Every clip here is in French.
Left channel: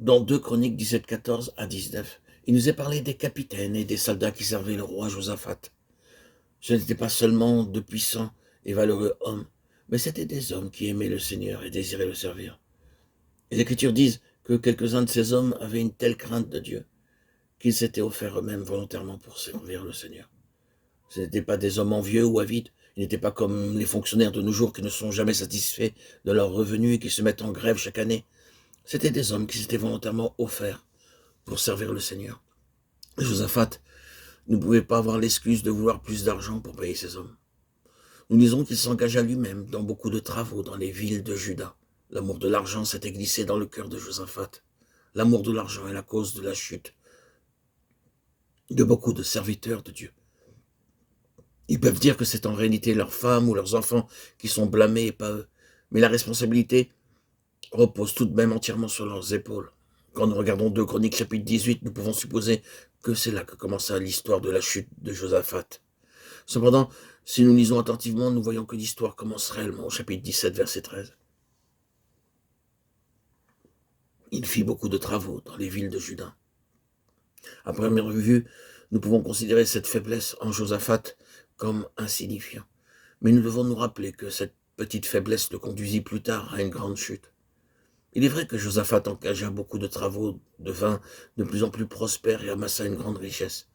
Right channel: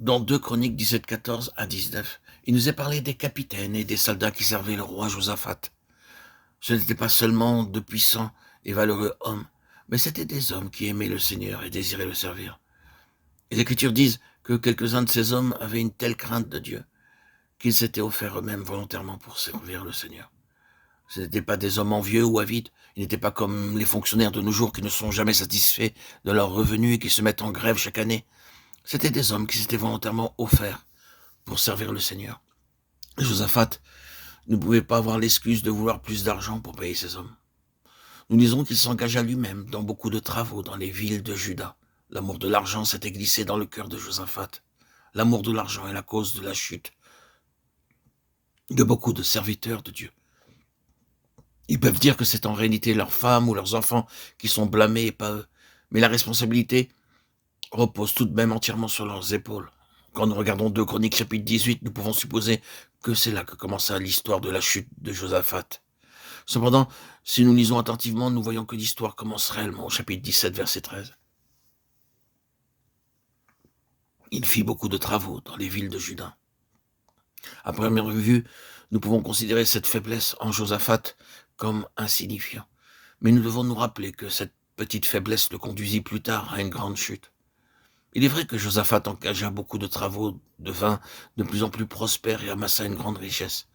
Dans 2 Chroniques 17, 14 à 19, il nous est parlé des capitaines et des soldats qui servaient le roi Josaphat. Ce n'étaient pas seulement de puissants et valeureux hommes, mais c'étaient des hommes qui aimaient le Seigneur et désiraient le servir. Et les Écritures disent que quelques-uns de ces hommes avaient une telle crainte de Dieu qu'ils s'étaient offerts eux-mêmes volontairement pour servir le Seigneur. Ce n'étaient pas des hommes envieux ou avides, ils n'étaient pas comme les fonctionnaires de nos jours qui ne sont jamais satisfaits de leurs revenus et qui se mettent en grève chaque année. C'étaient des hommes qui s'étaient volontairement offerts pour servir le Seigneur. Josaphat ne pouvait pas avoir l'excuse de vouloir plus d'argent pour payer ces hommes. Nous disons qu'il s'engagea lui-même dans beaucoup de travaux dans les villes de Juda. L'amour de l'argent s'était glissé dans le cœur de Josaphat. L'amour de l'argent est la cause de la chute de beaucoup de serviteurs de Dieu. Ils peuvent dire que c'est en réalité leurs femmes ou leurs enfants qui sont blâmés et pas eux. Mais la responsabilité repose tout de même entièrement sur leurs épaules. Quand nous regardons 2 Chroniques chapitre 18, nous pouvons supposer que c'est là que commença l'histoire de la chute de Josaphat. Cependant, si nous lisons attentivement, nous voyons que l'histoire commence réellement au chapitre 17, verset 13. Il fit beaucoup de travaux dans les villes de Juda. À première vue, nous pouvons considérer cette faiblesse en Josaphat comme insignifiant. Mais nous devons nous rappeler que cette petite faiblesse le conduisit plus tard à une grande chute. Il est vrai que Josaphat engagea beaucoup de travaux, devint de plus en plus prospère et amassa une grande richesse.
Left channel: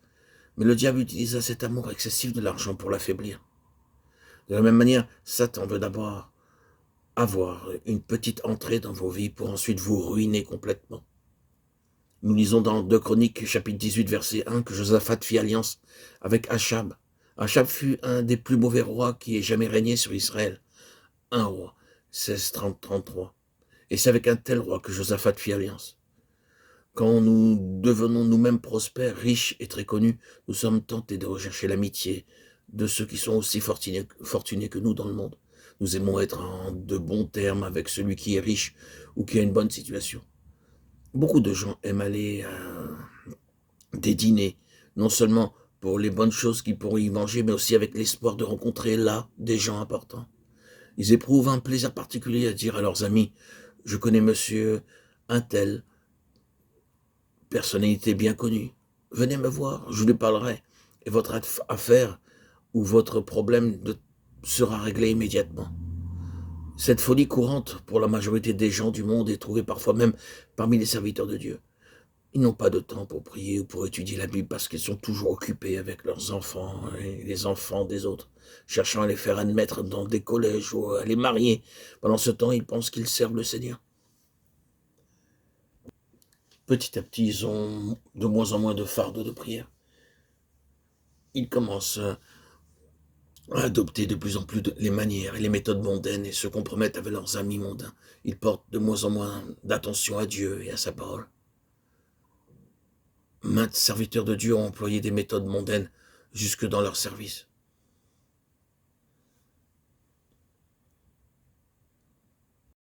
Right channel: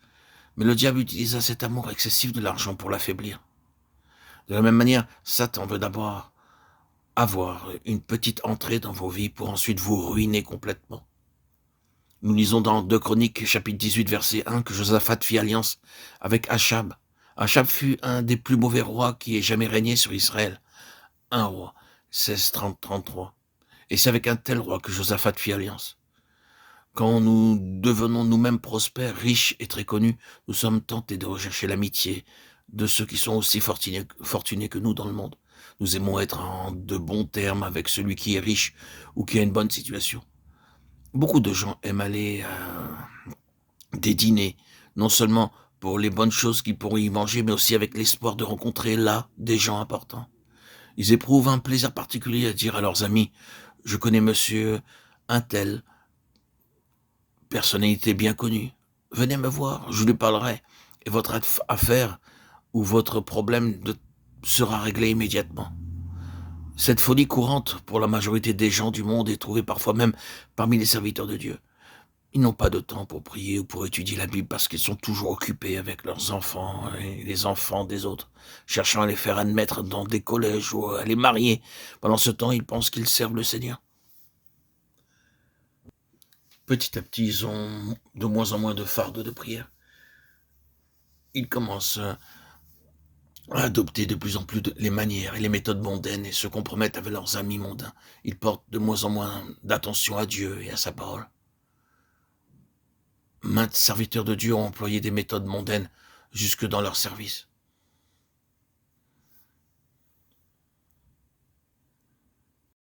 Mais le diable utilisa cet amour excessif de l'argent pour l'affaiblir. De la même manière, Satan veut d'abord avoir une petite entrée dans vos vies pour ensuite vous ruiner complètement. Nous lisons dans 2 Chroniques, chapitre 18, verset 1, que Josaphat fit alliance avec Achab. Achab fut un des plus mauvais rois qui ait jamais régné sur Israël. Un roi, 16-30-33. Et c'est avec un tel roi que Josaphat fit alliance. Quand nous devenons nous-mêmes prospères, riches et très connus, nous sommes tentés de rechercher l'amitié de ceux qui sont aussi fortunés que nous dans le monde. Nous aimons être en de bons termes avec celui qui est riche ou qui a une bonne situation. Beaucoup de gens aiment aller à des dîners, non seulement pour les bonnes choses qu'ils pourront y manger, mais aussi avec l'espoir de rencontrer là des gens importants. Ils éprouvent un plaisir particulier à dire à leurs amis « Je connais monsieur un tel, personnalité bien connue. Venez me voir, je lui parlerai, et votre affaire ou votre problème sera réglé immédiatement. » Cette folie courante pour la majorité des gens du monde est trouvée parfois même parmi les serviteurs de Dieu. Ils n'ont pas de temps pour prier ou pour étudier la Bible parce qu'ils sont toujours occupés avec leurs enfants et les enfants des autres, cherchant à les faire admettre dans des collèges ou à les marier. Pendant ce temps, ils pensent qu'ils servent le Seigneur. Petit à petit, ils ont de moins en moins de fardeau de prière. Ils commencent à adopter de plus en plus les manières et les méthodes mondaines et se compromettent avec leurs amis mondains. Ils portent de moins en moins d'attention à Dieu et à sa parole. Maintes serviteurs de Dieu ont employé des méthodes mondaines jusque dans leur service.